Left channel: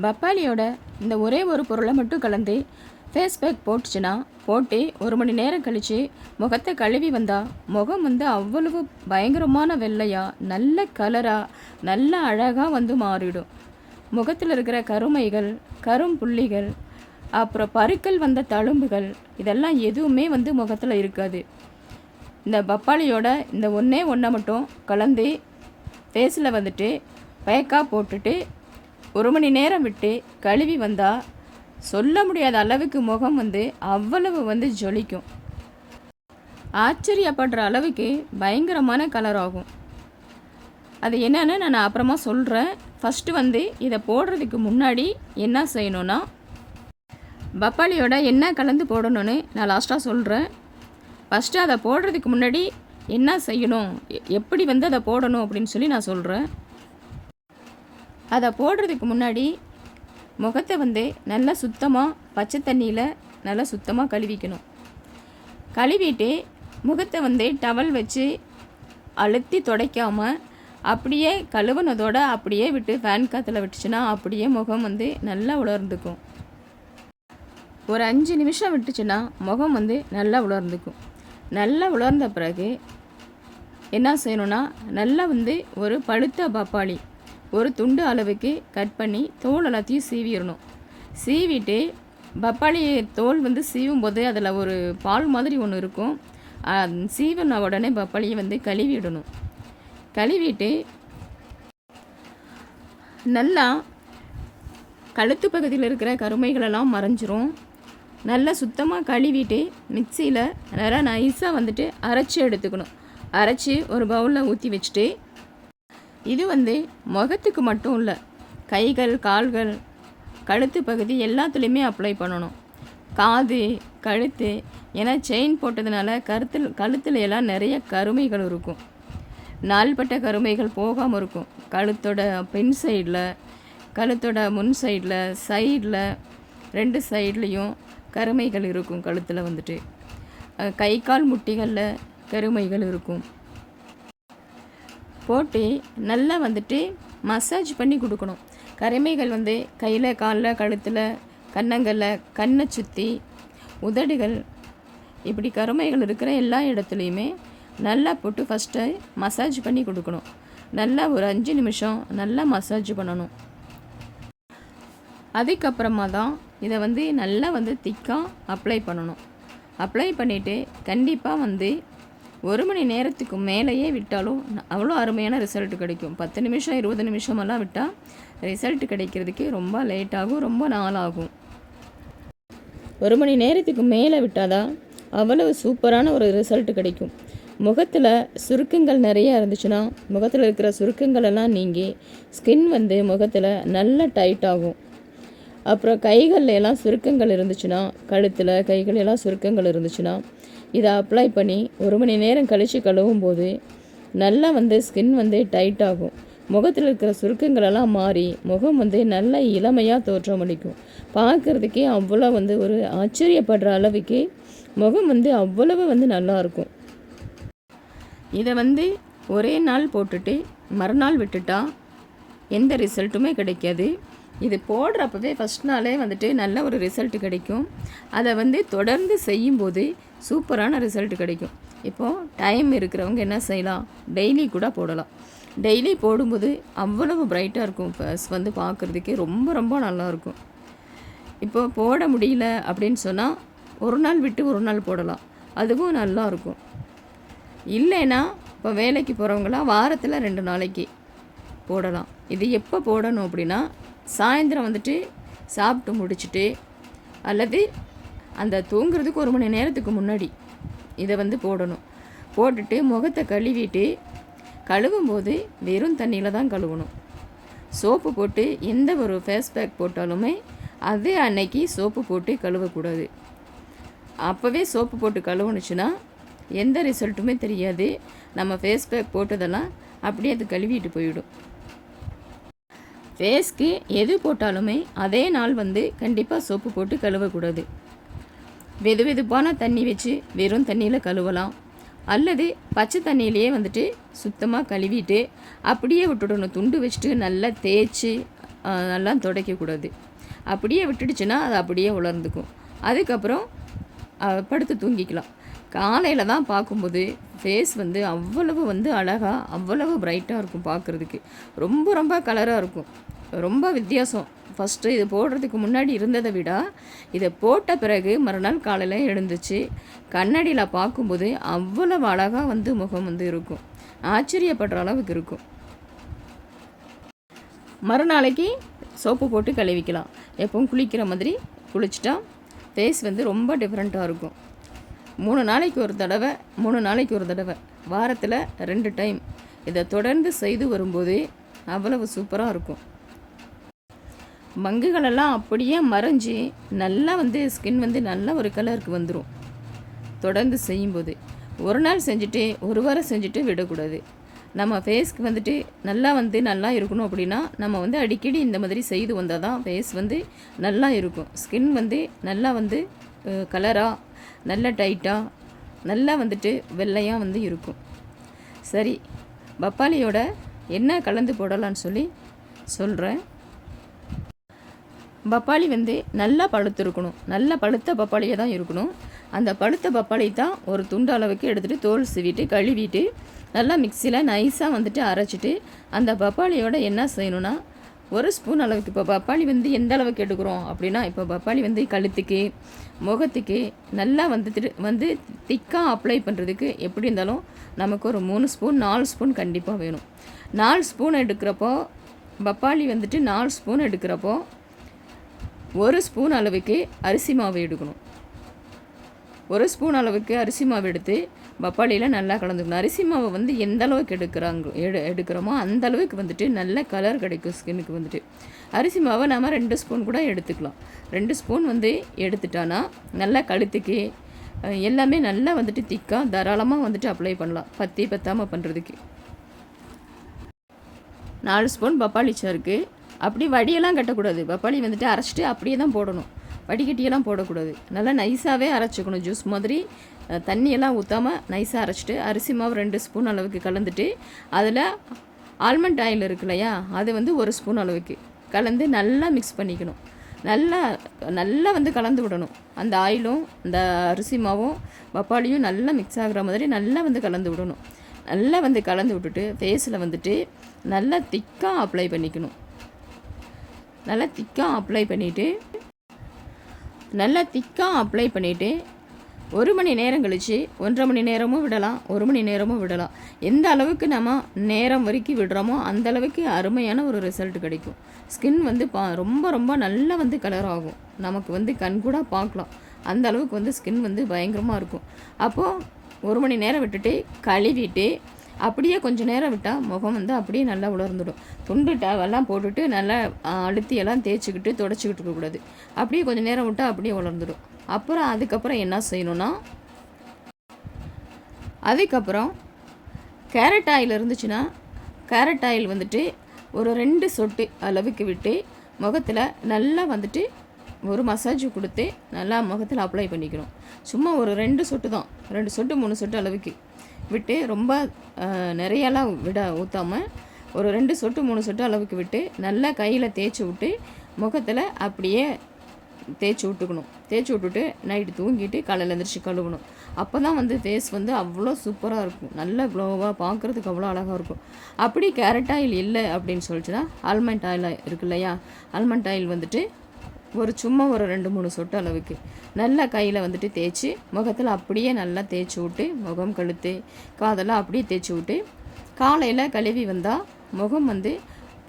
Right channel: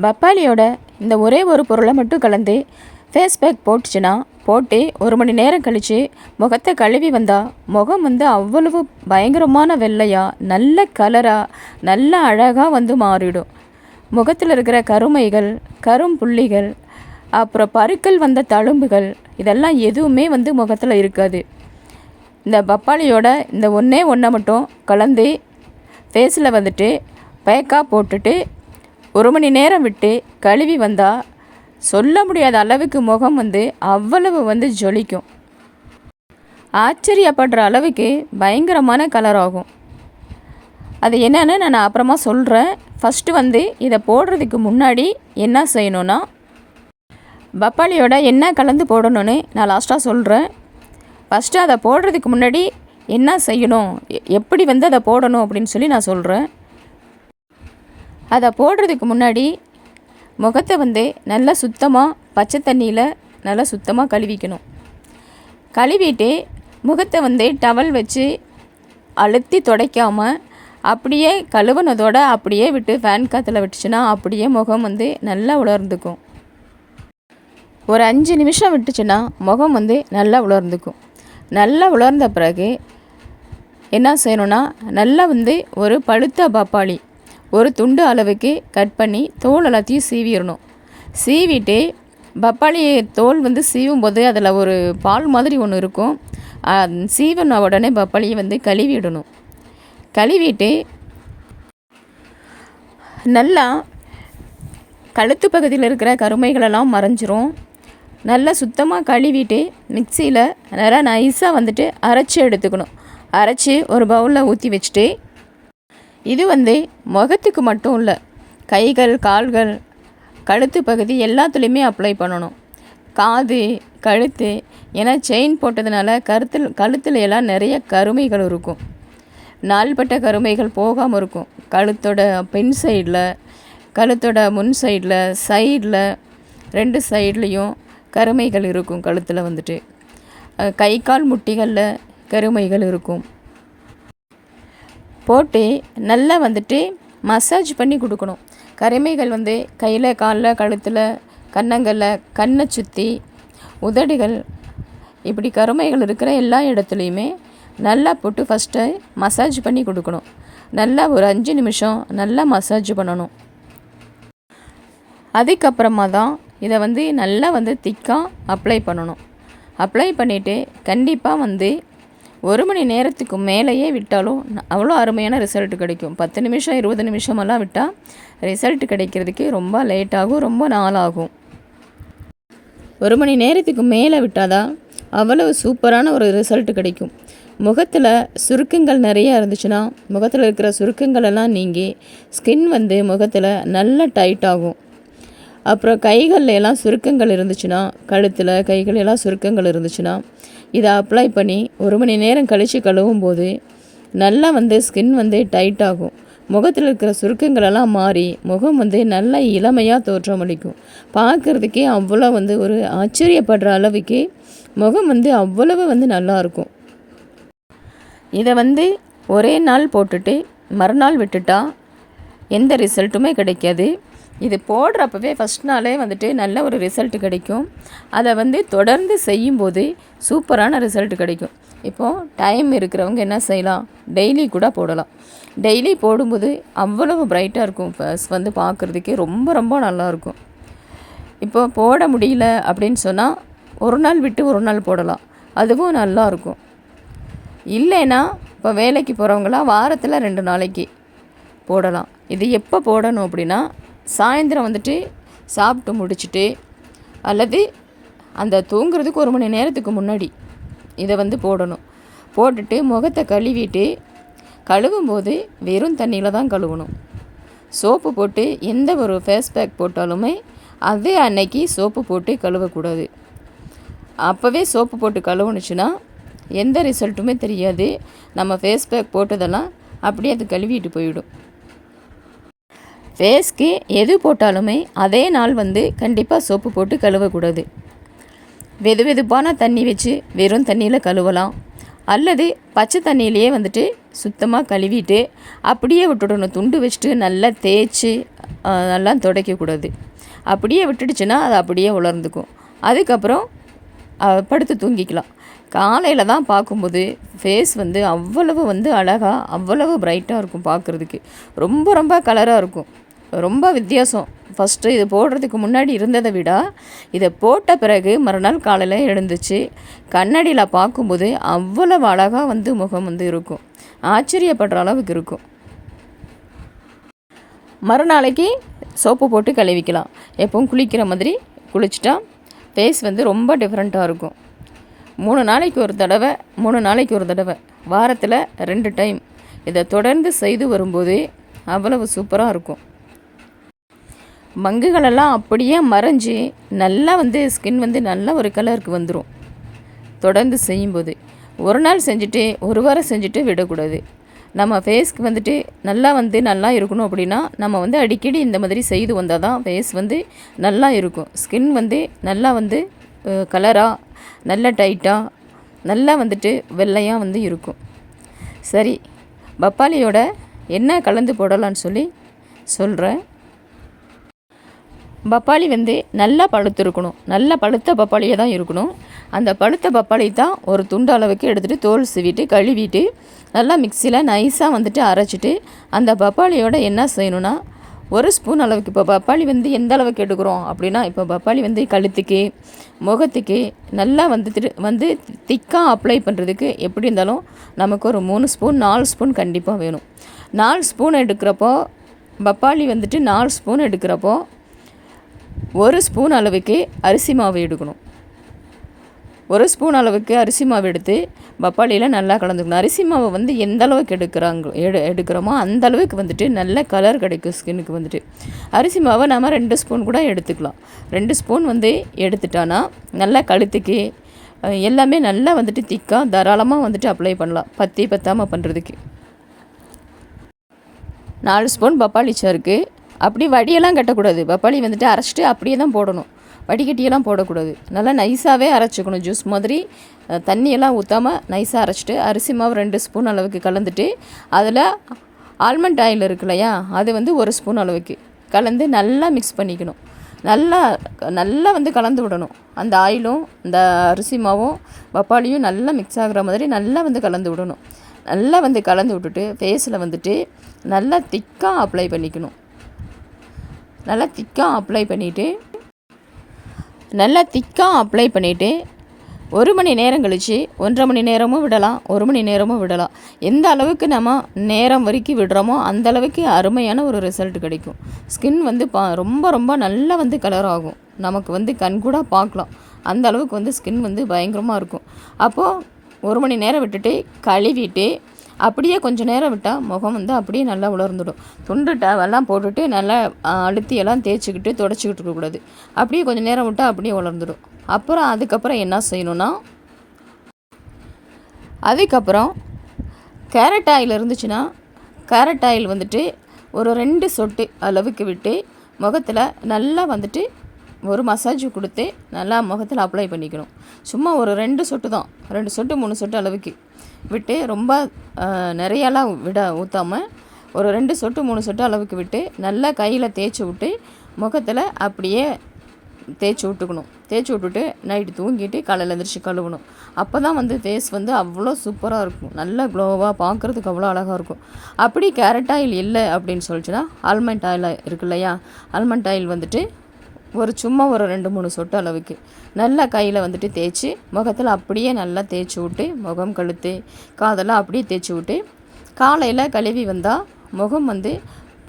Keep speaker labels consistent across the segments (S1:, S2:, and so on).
S1: பப்பாளியோட இந்த ஒரே ஒரு பொருளை மட்டும் கலந்து ஃபேஸ் பேக் போட்டுச்சுன்னா போட்டு ஒரு மணி நேரம் கழித்து முகத்தை கழுவி வந்தால் முகம் வந்து அவ்வளவு பயங்கரமான வெள்ளையாக நல்ல கலராக நல்ல அழகாக வந்து மாறிடும். முகத்தில் இருக்கிற கருமைகள் கரும்புள்ளிகள் அப்புறம் பருக்கள் வந்த தழும்புகள் இதெல்லாம் எதுவுமே வந்து முகத்தில் இருக்காது. இந்த பப்பாளியோட இந்த ஒன்றே ஒன்றை மட்டும் கலந்து ஃபேஸில் வந்துட்டு பேக்காக போட்டுட்டு ஒரு மணி நேரம் விட்டு கழுவி வந்தால் சொல்ல முடியாத அளவுக்கு முகம் வந்து அவ்வளவு வந்து ஜொலிக்கும். ஆச்சரியப்படுற அளவுக்கு பயங்கரமான கலர் ஆகும். அது என்னன்னு நான் அப்புறமா சொல்கிறேன் ஃபஸ்ட்டு வந்து இதை போடுறதுக்கு முன்னாடி என்ன செய்யணும்னா பப்பாளியோட என்ன கலந்து போடணும்னு நான் லாஸ்ட்டாக சொல்கிறேன் ஃபஸ்ட்டு அதை போடுறதுக்கு முன்னாடி என்ன செய்யணும்? எ- எப்படி வந்து அதை போடணும் அப்படின்னு சொல்லி நான் சொல்கிறேன் அதை போடுறதுக்கு முன்னாடி முகத்தை வந்து நல்லா சுத்தமாக பச்சை தண்ணியில் நல்லா சுத்தமாக கழுவிக்கணும். கழுவிட்டு முகத்தை வந்து டவல் வச்சு அழுத்தி துடைக்காமல் அப்படியே கழுவுனதோட அப்படியே விட்டு ஃபேன் காற்றுல விட்டுச்சுன்னா அப்படியே முகம் வந்து நல்லா உலர்ந்துக்கும். ஒரு அஞ்சு நிமிஷம் விட்டுச்சுன்னா முகம் வந்து நல்லா உலர்ந்துக்கும். நல்லா உலர்ந்த பிறகு என்ன செய்யணும்னா நல்லா வந்து ஒரு பழுத்த பப்பாளி ஒரு துண்டு அளவுக்கு கட் பண்ணி தோல் எல்லாத்தையும் சீவிடணும். சீவிட்டு பப்பாளி தோல் வந்து சீவும் போது அதில் ஒரு பால் மாதிரி ஒன்று இருக்கும். சீவன உடனே பப்பாளியை வந்து கழுவிடணும். கழுவிட்டு நல்லா கழுத்து பகுதியில் இருக்கிற கருமைகளெல்லாம் மறைஞ்சிரும். நல்லா சுத்தமாக கழுவிட்டு மிக்சியில் நல்லா நைஸாக வந்துட்டு அரைச்சி எடுத்துக்கணும். அரைச்சி ஒரு பவுலில் ஊற்றி வச்சுட்டு இது வந்து முகத்துக்கு மட்டும் இல்லை. கைகள் கால்கள் கழுத்து பகுதி எல்லாத்துலேயுமே அப்ளை பண்ணணும். காது கழுத்து ஏன்னா செயின் போட்டதுனால கருத்தில் கழுத்தில் எல்லாம் நிறைய கருமைகள் இருக்கும். நாள்பட்ட கருமைகள் போகாமல் இருக்கும். கழுத்தோட பின் சைடில் கழுத்தோட முன் சைடில் சைடில் ரெண்டு சைட்லேயும் கருமைகள் இருக்கும் கழுத்தில் வந்துட்டு. கை கால் முட்டிகளில் கருமைகள் இருக்கும். போட்டு நல்லா வந்துட்டு மசாஜ் பண்ணி கொடுக்கணும். கருமைகள் வந்து கையில் காலில் கழுத்தில் கன்னங்களில் கண்ணை சுற்றி உதடுகள் இப்படி கருமைகள் இருக்கிற எல்லா இடத்துலையுமே நல்லா போட்டு ஃபஸ்ட்டு மசாஜ் பண்ணி கொடுக்கணும். நல்லா ஒரு அஞ்சு நிமிஷம் நல்லா மசாஜ் பண்ணணும். அதுக்கப்புறமா தான் இதை வந்து நல்லா வந்து திக்காக அப்ளை பண்ணணும். அப்ளை பண்ணிவிட்டு கண்டிப்பாக வந்து ஒரு மணி நேரத்துக்கு மேலேயே விட்டாலும் அவ்வளோ அருமையான ரிசல்ட் கிடைக்கும். பத்து நிமிஷம் இருபது நிமிஷமெல்லாம் விட்டால் ரிசல்ட் கிடைக்கிறதுக்கு ரொம்ப லேட் ஆகும் ரொம்ப நாள் ஆகும். ஒரு மணி நேரத்துக்கு மேலே விட்டாதான் அவ்வளவு சூப்பரான ஒரு ரிசல்ட் கிடைக்கும். முகத்தில் சுருக்கங்கள் நிறையா இருந்துச்சுன்னா முகத்தில் இருக்கிற சுருக்கங்கள் எல்லாம் நீங்கி ஸ்கின் வந்து முகத்தில் நல்ல டைட் ஆகும். அப்புறம் கைகளில் எல்லாம் சுருக்கங்கள் இருந்துச்சுன்னா கழுத்தில் கைகள் எல்லாம் சுருக்கங்கள் இருந்துச்சுன்னா இதை அப்ளை பண்ணி ஒரு மணி நேரம் கழித்து கழுவும் போது நல்லா வந்து ஸ்கின் வந்து டைட் ஆகும். முகத்தில் இருக்கிற சுருக்கங்களெல்லாம் மாறி முகம் வந்து நல்ல இளமையாக தோற்றமளிக்கும் பார்க்குறதுக்கே அவ்வளோ வந்து ஒரு ஆச்சரியப்படுற அளவுக்கு முகம் வந்து அவ்வளவு வந்து நல்லா இருக்கும். இதை வந்து ஒரே நாள் போட்டுட்டு மறுநாள் விட்டுட்டா எந்த ரிசல்ட்டுமே கிடைக்காது. இது போடுறப்பவே ஃபஸ்ட் நாளே வந்துட்டு நல்ல ஒரு ரிசல்ட் கிடைக்கும். அதை வந்து தொடர்ந்து செய்யும்போது சூப்பரான ரிசல்ட் கிடைக்கும். இப்போது டைம் இருக்கிறவங்க என்ன செய்யலாம்? டெய்லி கூட போடலாம். டெய்லி போடும்போது அவ்வளவு பிரைட்டாக இருக்கும். ஃபஸ் வந்து பார்க்குறதுக்கே ரொம்ப ரொம்ப நல்லாயிருக்கும் இப்போ போட முடியல அப்படின்னு சொன்னால் ஒரு நாள் விட்டு ஒரு நாள் போடலாம். அதுவும் நல்லாயிருக்கும் இல்லைன்னா இப்போ வேலைக்கு போகிறவங்களாம் வாரத்தில் ரெண்டு நாளைக்கு போடலாம். இது எப்போ போடணும் அப்படின்னா சாயந்தரம் வந்துட்டு சாப்பிட்டு முடிச்சுட்டு அல்லது அந்த தூங்குறதுக்கு ஒரு மணி நேரத்துக்கு முன்னாடி இதை வந்து போடணும். போட்டுட்டு முகத்தை கழுவிட்டு கழுவும் போது வெறும் தண்ணியில் தான் கழுவணும். சோப்பு போட்டு எந்த ஒரு ஃபேஸ் பேக் போட்டாலுமே அதே அன்னைக்கு சோப்பு போட்டு கழுவக்கூடாது. அப்போவே சோப்பு போட்டு கழுவுனுச்சுன்னா எந்த ரிசல்ட்டுமே தெரியாது. நம்ம ஃபேஸ் பேக் போட்டதெல்லாம் அப்படியே அது கழுவிட்டு போயிடும். ஃபேஸ்க்கு எது போட்டாலுமே அதே நாள் வந்து கண்டிப்பாக சோப்பு போட்டு கழுவக்கூடாது. வெது வெதுப்பான தண்ணி வச்சு வெறும் தண்ணியில் கழுவலாம். அல்லது பச்சை தண்ணியிலேயே வந்துட்டு சுத்தமாக கழுவிட்டு அப்படியே விட்டுடணும். துண்டு வச்சுட்டு நல்லா தேய்ச்சி நல்லா துடைக்கக்கூடாது. அப்படியே விட்டுடுச்சுன்னா அது அப்படியே உலர்ந்துக்கும். அதுக்கப்புறம் படுத்து தூங்கிக்கலாம். காலையில் தான் பார்க்கும்போது ஃபேஸ் வந்து அவ்வளவு வந்து அழகாக அவ்வளவு பிரைட்டாக இருக்கும் பார்க்குறதுக்கு. ரொம்ப ரொம்ப கலராக இருக்கும். ரொம்ப வித்தியாசம். ஃபஸ்ட்டு இது போடுறதுக்கு முன்னாடி இருந்ததை விட இதை போட்ட பிறகு மறுநாள் காலையில் எழுந்துச்சு கண்ணாடியில் பார்க்கும்போது அவ்வளவு அழகாக வந்து முகம் வந்து இருக்கும். ஆச்சரியப்படுற அளவுக்கு இருக்கும். மறுநாளைக்கு சோப்பு போட்டு கழுவிக்கலாம். எப்பவும் குளிக்கிற மாதிரி குளிச்சிட்டா ஃபேஸ் வந்து ரொம்ப டிஃப்ரெண்ட்டாக இருக்கும். மூணு நாளைக்கு ஒரு தடவை மூணு நாளைக்கு ஒரு தடவை. வாரத்தில் ரெண்டு டைம். இதை தொடர்ந்து செய்து வரும்போது அவ்வளவு சூப்பராக இருக்கும். மங்குகளெல்லாம் அப்படியே மறைஞ்சி நல்லா வந்து ஸ்கின் வந்து நல்ல ஒரு கலருக்கு வந்துடும் தொடர்ந்து செய்யும்போது. ஒரு நாள் செஞ்சுட்டு ஒரு வாரம் செஞ்சுட்டு விடக்கூடாது. நம்ம ஃபேஸ்க்கு வந்துட்டு நல்லா வந்து நல்லா இருக்கணும் அப்படின்னா நம்ம வந்து அடிக்கடி இந்த மாதிரி செய்து வந்தால் தான் ஃபேஸ் வந்து நல்லா இருக்கும். ஸ்கின் வந்து நல்லா வந்து கலராக நல்ல டைட்டாக நல்லா வந்துட்டு வெள்ளையாக வந்து இருக்கும். சரி பப்பாளியோட என்ன கலந்து போடலான்னு சொல்லி சொல்கிறேன் பப்பாளி வந்து நல்லா பழுத்திருக்கணும். நல்லா பழுத்த பப்பாளியாக தான் இருக்கணும். அந்த பழுத்த பப்பாளி தான் ஒரு துண்டு அளவுக்கு எடுத்துகிட்டு தோல் சீவிட்டு கழுவிட்டு நல்லா மிக்சியில் நைஸாக வந்துட்டு அரைச்சிட்டு அந்த பப்பாளியோட என்ன செய்யணுன்னா ஒரு ஸ்பூன் அளவுக்கு இப்போ பப்பாளி வந்து எந்த அளவுக்கு எடுக்கிறோம் அப்படின்னா இப்போ பப்பாளி வந்து கழுத்துக்கு முகத்துக்கு நல்லா வந்து வந்து திக்காக அப்ளை பண்ணுறதுக்கு எப்படி இருந்தாலும் நமக்கு ஒரு மூணு ஸ்பூன் நாலு ஸ்பூன் கண்டிப்பாக வேணும். நாலு ஸ்பூன் எடுக்கிறப்போ பப்பாளி வந்துட்டு நாலு ஸ்பூன் எடுக்கிறப்போ ஒரு ஸ்பூன் அளவுக்கு அரிசி மாவு எடுக்கணும். ஒரு ஸ்பூன் அளவுக்கு அரிசி மாவு எடுத்து பப்பாளியில் நல்லா கலந்துக்கணும். அரிசி மாவை வந்து எந்த அளவுக்கு எடுக்கிறாங்க எடு எடுக்கிறோமோ அந்த அளவுக்கு வந்துட்டு நல்ல கலர் கிடைக்கும் ஸ்கின்னுக்கு வந்துட்டு. அரிசி மாவை நாம் ரெண்டு ஸ்பூன் கூட எடுத்துக்கலாம். ரெண்டு ஸ்பூன் வந்து எடுத்துட்டோன்னா நல்லா கழுத்துக்கு எல்லாமே நல்லா வந்துட்டு திக்காக தாராளமாக வந்துட்டு அப்ளை பண்ணலாம். பத்தி பத்தாமல் பண்ணுறதுக்கு நாலு ஸ்பூன் பப்பாளி சாருக்கு அப்படி வடியெல்லாம் கட்டக்கூடாது. பப்பாளி வந்துட்டு அரைச்சிட்டு அப்படியே தான் போடணும். வடிகட்டியெல்லாம் போடக்கூடாது. நல்லா நைஸாகவே அரைச்சிக்கணும் ஜூஸ் மாதிரி. தண்ணியெல்லாம் ஊற்றாமல் நைஸாக அரைச்சிட்டு அரிசி மாவு ரெண்டு ஸ்பூன் அளவுக்கு கலந்துட்டு அதில் ஆல்மண்ட் ஆயில் இருக்கு இல்லையா அது வந்து ஒரு ஸ்பூன் அளவுக்கு கலந்து நல்லா மிக்ஸ் பண்ணிக்கணும். நல்லா நல்லா வந்து கலந்து விடணும். அந்த ஆயிலும் இந்த அரிசி மாவும் பப்பாளியும் நல்லா மிக்ஸ் ஆகிற மாதிரி நல்லா வந்து கலந்து விடணும். நல்லா வந்து கலந்து விட்டுட்டு ஃபேஸில் வந்துட்டு நல்லா திக்காக அப்ளை பண்ணிக்கணும். நல்லா திக்காக அப்ளை பண்ணிவிட்டு நல்லா திக்காக அப்ளை பண்ணிவிட்டு ஒரு மணி நேரம் கழித்து ஒன்றரை மணி நேரமும் விடலாம் ஒரு மணி நேரமும் விடலாம். எந்த அளவுக்கு நம்ம நேரம் வரைக்கும் விடுறோமோ அந்த அளவுக்கு அருமையான ஒரு ரிசல்ட் கிடைக்கும். ஸ்கின் வந்து பா ரொம்ப ரொம்ப நல்லா வந்து கலர் ஆகும். நமக்கு வந்து கண் கூட பார்க்கலாம். அந்த அளவுக்கு வந்து ஸ்கின் வந்து பயங்கரமாக இருக்கும். அப்போது ஒரு மணி நேரம் விட்டுட்டு கழுவிட்டு அப்படியே கொஞ்சம் நேரம் விட்டால் முகம் வந்து அப்படியே நல்லா உலர்ந்துடும். துண்டு டவெல்லாம் போட்டுட்டு நல்லா அழுத்தியெல்லாம் தேய்ச்சிக்கிட்டு தொடச்சிக்கிட்டு இருக்கக்கூடாது. அப்படியே கொஞ்சம் நேரம் விட்டால் அப்படியே உலர்ந்துடும். அப்புறம் அதுக்கப்புறம் என்ன செய்யணுன்னா அதுக்கப்புறம் கேரட் ஆயில் இருந்துச்சுன்னா கேரட் ஆயில் வந்துட்டு ஒரு ரெண்டு சொட்டு அளவுக்கு விட்டு முகத்தில் நல்லா வந்துட்டு ஒரு மசாஜ் கொடுத்து நல்லா முகத்தில் அப்ளை பண்ணிக்கணும். சும்மா ஒரு ரெண்டு சொட்டு தான். ரெண்டு சொட்டு மூணு சொட்டு அளவுக்கு. விட்டு ரொம்ப நிறையலாம் விட ஊற்றாமல் ஒரு ரெண்டு சொட்டு மூணு சொட்டு அளவுக்கு விட்டு நல்லா கையில் தேய்ச்சி விட்டு முகத்தில் அப்படியே தேய்ச்சி விட்டுக்கணும். தேய்ச்சி விட்டுட்டு நைட்டு தூங்கிட்டு காலையில் எழுந்திரிச்சு கழுவணும். அப்போ தான் வந்து ஃபேஸ் வந்து அவ்வளோ சூப்பராக இருக்கும். நல்ல க்ளோவாக பார்க்குறதுக்கு அவ்வளோ அழகாக இருக்கும். அப்படி கேரட் ஆயில் இல்லை அப்படின்னு சொல்லிச்சுன்னா ஆல்மண்ட் ஆயில் இருக்கு இல்லையா ஆல்மண்ட் ஆயில் வந்துட்டு ஒரு சும்மா ஒரு ரெண்டு மூணு சொட்டு அளவுக்கு நல்லா கையில் வந்துட்டு தேய்ச்சி முகத்தில் அப்படியே நல்லா தேய்ச்சி விட்டு முகம் கழுத்து காதெல்லாம் அப்படியே தேய்ச்சி விட்டு காலையில் கழுவி வந்தால் முகம் வந்து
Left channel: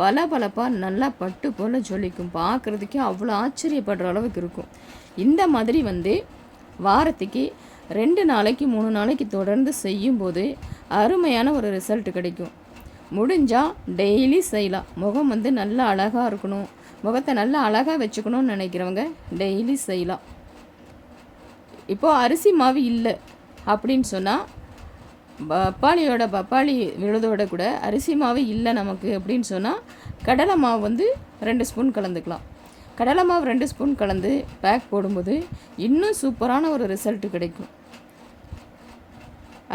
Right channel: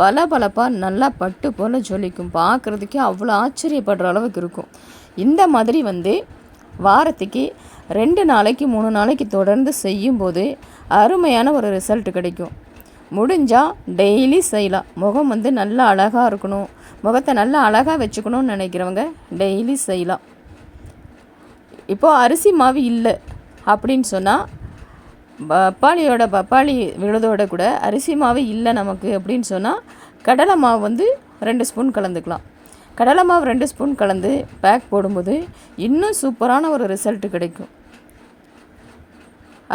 S1: பல பலப்பாக நல்லா பட்டு போல் ஜொலிக்கும். பார்க்குறதுக்கே அவ்வளோ ஆச்சரியப்படுற அளவுக்கு இருக்கும். இந்த மாதிரி வந்து வாரத்துக்கு ரெண்டு நாளைக்கு மூணு நாளைக்கு தொடர்ந்து செய்யும்போது அருமையான ஒரு ரிசல்ட் கிடைக்கும். முடிஞ்சால் டெய்லி செய்யலாம். முகம் வந்து நல்லா அழகாக இருக்கணும். முகத்தை நல்லா அழகாக வச்சுக்கணும்னு நினைக்கிறவங்க டெய்லி செய்யலாம். இப்போது அரிசி மாவு இல்லை அப்படின்னு சொன்னால் பப்பாளியோட பப்பாளி விழுதோட கூட அரிசி மாவு இல்லை நமக்கு அப்படின்னு சொன்னால் கடலை மாவு வந்து ரெண்டு ஸ்பூன் கலந்துக்கலாம். கடலை மாவு ரெண்டு ஸ்பூன் கலந்து பேக் போடும்போது இன்னும் சூப்பரான ஒரு ரிசல்ட் கிடைக்கும்.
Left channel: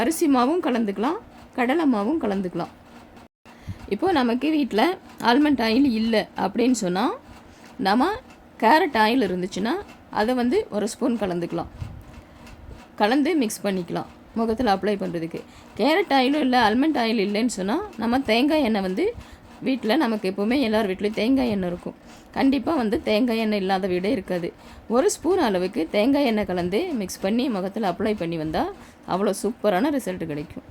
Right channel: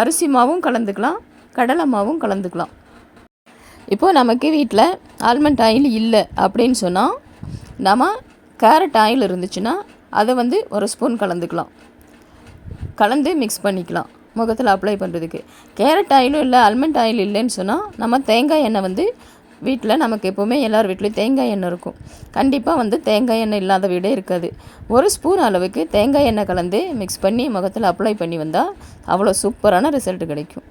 S1: அரிசி மாவும் கலந்துக்கலாம் கடலை மாவும் கலந்துக்கலாம். இப்போது நமக்கு வீட்டில் ஆல்மண்ட் ஆயில் இல்லை அப்படின்னு சொன்னால் நம்ம கேரட் ஆயில் இருந்துச்சுன்னா அதை வந்து ஒரு ஸ்பூன் கலந்துக்கலாம். கலந்து மிக்ஸ் பண்ணிக்கலாம். முகத்தில் அப்ளை பண்ணுறதுக்கு கேரட் ஆயிலும் இல்லை ஆல்மண்ட் ஆயில் இல்லைன்னு சொன்னால் நம்ம தேங்காய் எண்ணெய் வந்து வீட்டில் நமக்கு எப்போவுமே எல்லார் வீட்லேயும் தேங்காய் எண்ணெய் இருக்கும். கண்டிப்பாக வந்து தேங்காய் எண்ணெய் இல்லாத வீடே இருக்காது. ஒரு ஸ்பூன் அளவுக்கு தேங்காய் எண்ணெய் கலந்து மிக்ஸ் பண்ணி முகத்தில் அப்ளை பண்ணி வந்தால் அவ்வளோ சூப்பரான ரிசல்ட் கிடைக்கும்.